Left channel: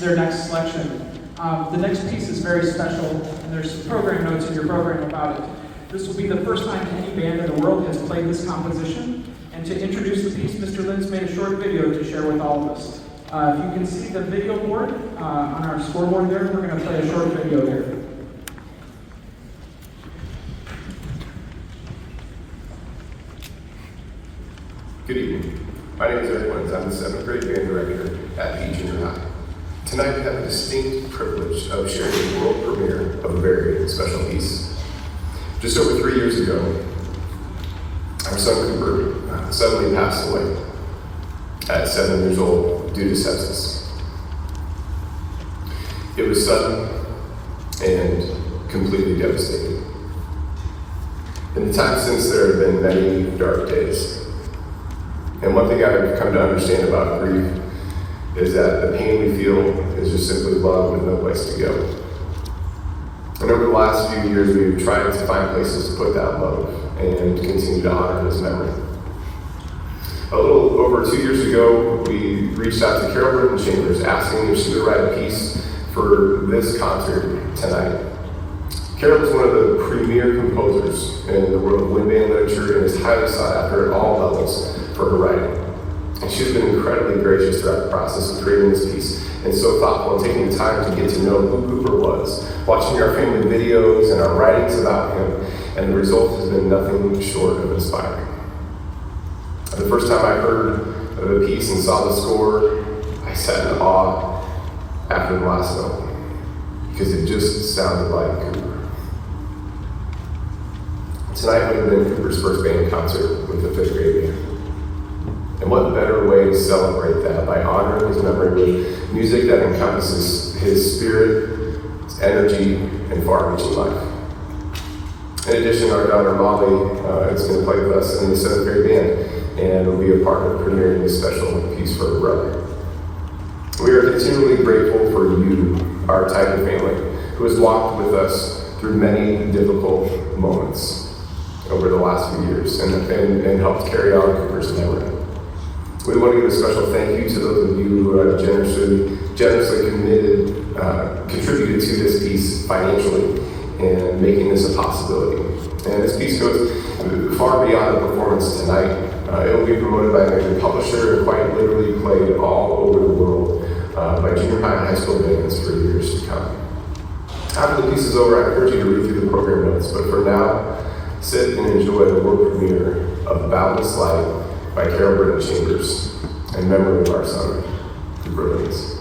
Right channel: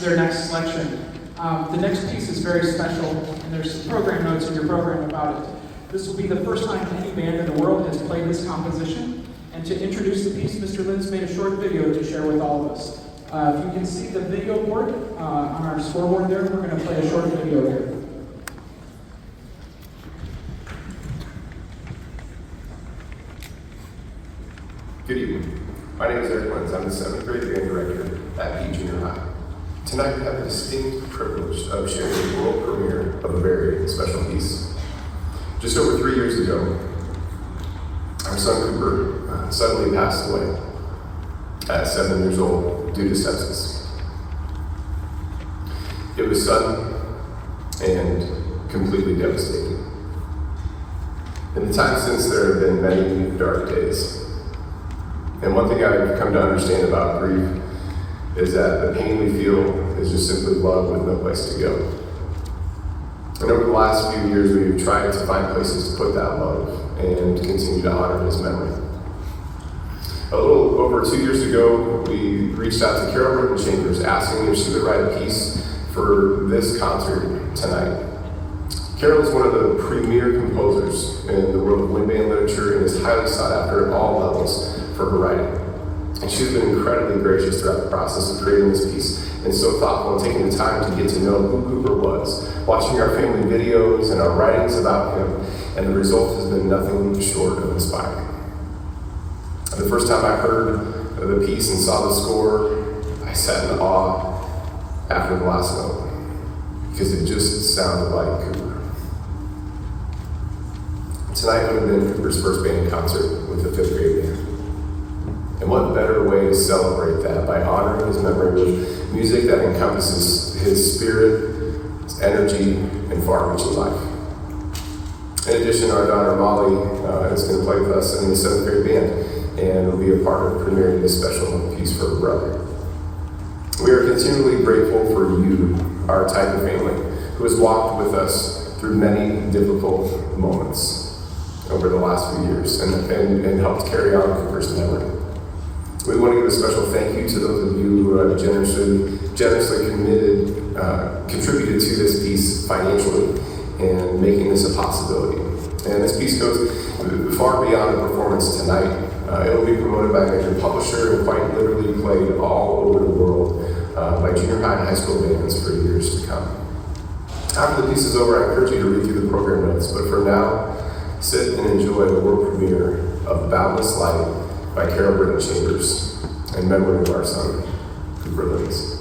their next selection. The next piece is very special, and there's some program notes in your program about it. This will be the first time any band in the world has played this composition, and to introduce the piece, Mr. Linz made a short video to share with all of us. If you can see the video board on our scoreboard there, we're going to play a short video here. Good evening. My name is Eric Linz. I'm the 7th grade band director at Pete Junior High. Tonight we have the distinct privilege of sharing the world premiere of a very special piece. Just over 3 years ago, our son Cooper suddenly passed away at 7 years old due to sepsis. It was sudden and completely devastating. In the time since, there have been many dark days. And one thing I've come to understand about grief is that the pain we feel is just simply love with no place to go. And over the last few years, we've tried to find places to put that love and continue to honor his memory. A little over 2 years ago, we reached out to Carol Chambers asking if she would write a piece for this concert tonight. Carol is one of the premier composers in the world of wind band literature and is highly sought after at all levels for her writing. And she's been incredibly gracious throughout the process of creating this piece and so thoughtful and taking the time to get to know who Cooper was, watching our family videos and our writings about him, and the result has been nothing short of inspiring. The first time I heard of the piece and saw the score, I sat in awe after the last note, because it just sounded like Cooper. Tonight would have been Cooper's first band concert with the 5th grade band. And what better way to celebrate that by honoring his memory with music that encompasses his spirit, his energy, and far-reaching life. In addition, our daughter Molly is going to play with us in the 7th grade band and will be a part of premiering this special piece for her brother. We are continually grateful for you, our type of family, who has walked with us through many difficult moments over the last few years and helped carry on Cooper's memory. We want to give a special thank you to those of you who have generously contributed to this piece financially and making this a possibility. And this piece goes far beyond the performance tonight. It will be promoted by a major publisher and quite literally played all over the world by junior high and high school bands for years to come. After the piece is over, I encourage you to read through the program notes, but for now, sit and enjoy the world premiere of Boundless Light by Carol Chambers, in memory of our son, Cooper Linz.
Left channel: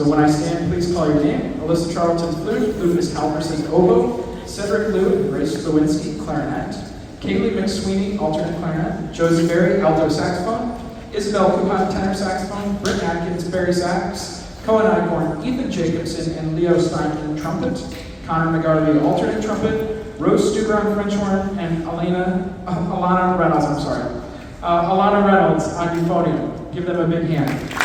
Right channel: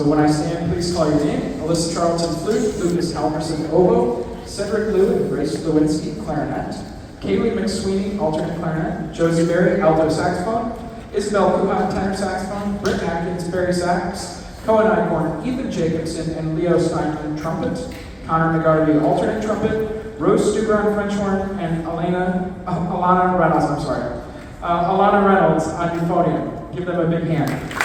So when I stand, please call your name. Alyssa Charlton, flute. Lucas Halverson, oboe. Cedric Liu and Grace Lewinsky, clarinet. Kaylee McSweeney, alternate clarinet. Josie Berry, alto saxophone. Isabel Kuhan, tenor saxophone. Britt Atkins, Barry sax. Cohen Icorn, Ethan Jacobson, and Leo Steinman, trumpet. Connor McGarvey, alternate trumpet. Rose Stubron, French horn, and Alana Reynolds, Alana Reynolds on euphonium. Give them a big hand.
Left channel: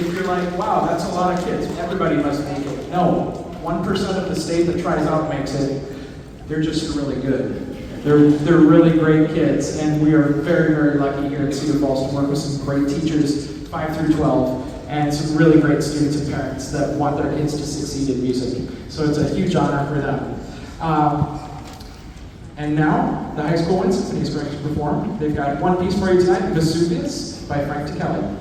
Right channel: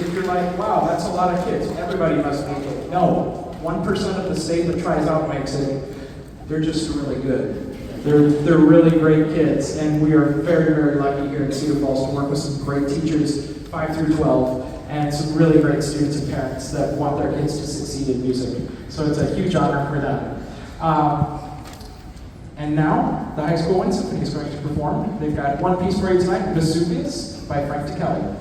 If you're like, wow, that's a lot of kids, everybody must make it. No, 1% of the state that tries out makes it. They're just really good. They're really great kids, and we are very, very lucky here at Cedar Falls to work with some great teachers, 5 through 12, and some really great students and parents that want their kids to succeed in music. So it's a huge honor for them. And now, the High School Wind Symphony is going to perform. They've got one piece for you tonight, Vesuvius by Frank DeKelly.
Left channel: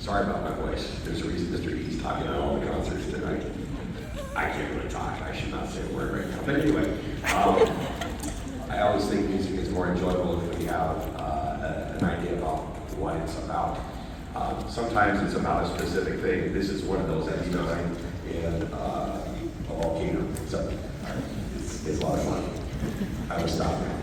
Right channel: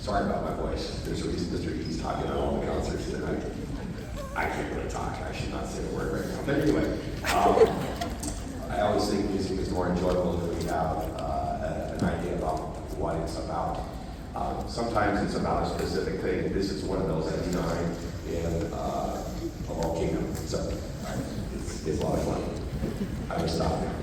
Sorry about my voice. There's a reason Mr. E's talking at all the concerts tonight. I can't really talk. I should not say a word right now. But anyway, I always think music is more enjoyable when we have an idea about what it's about. Sometimes it's about a specific thing. This is one of those every time in a volcano. So it's a lot of fun. I will stop now.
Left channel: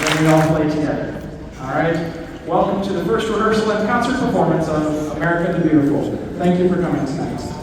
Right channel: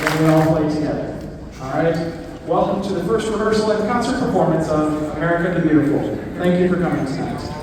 and then we all play together. All right? Welcome to the first rehearsal and concert performance of America the Beautiful. Thank you for coming tonight.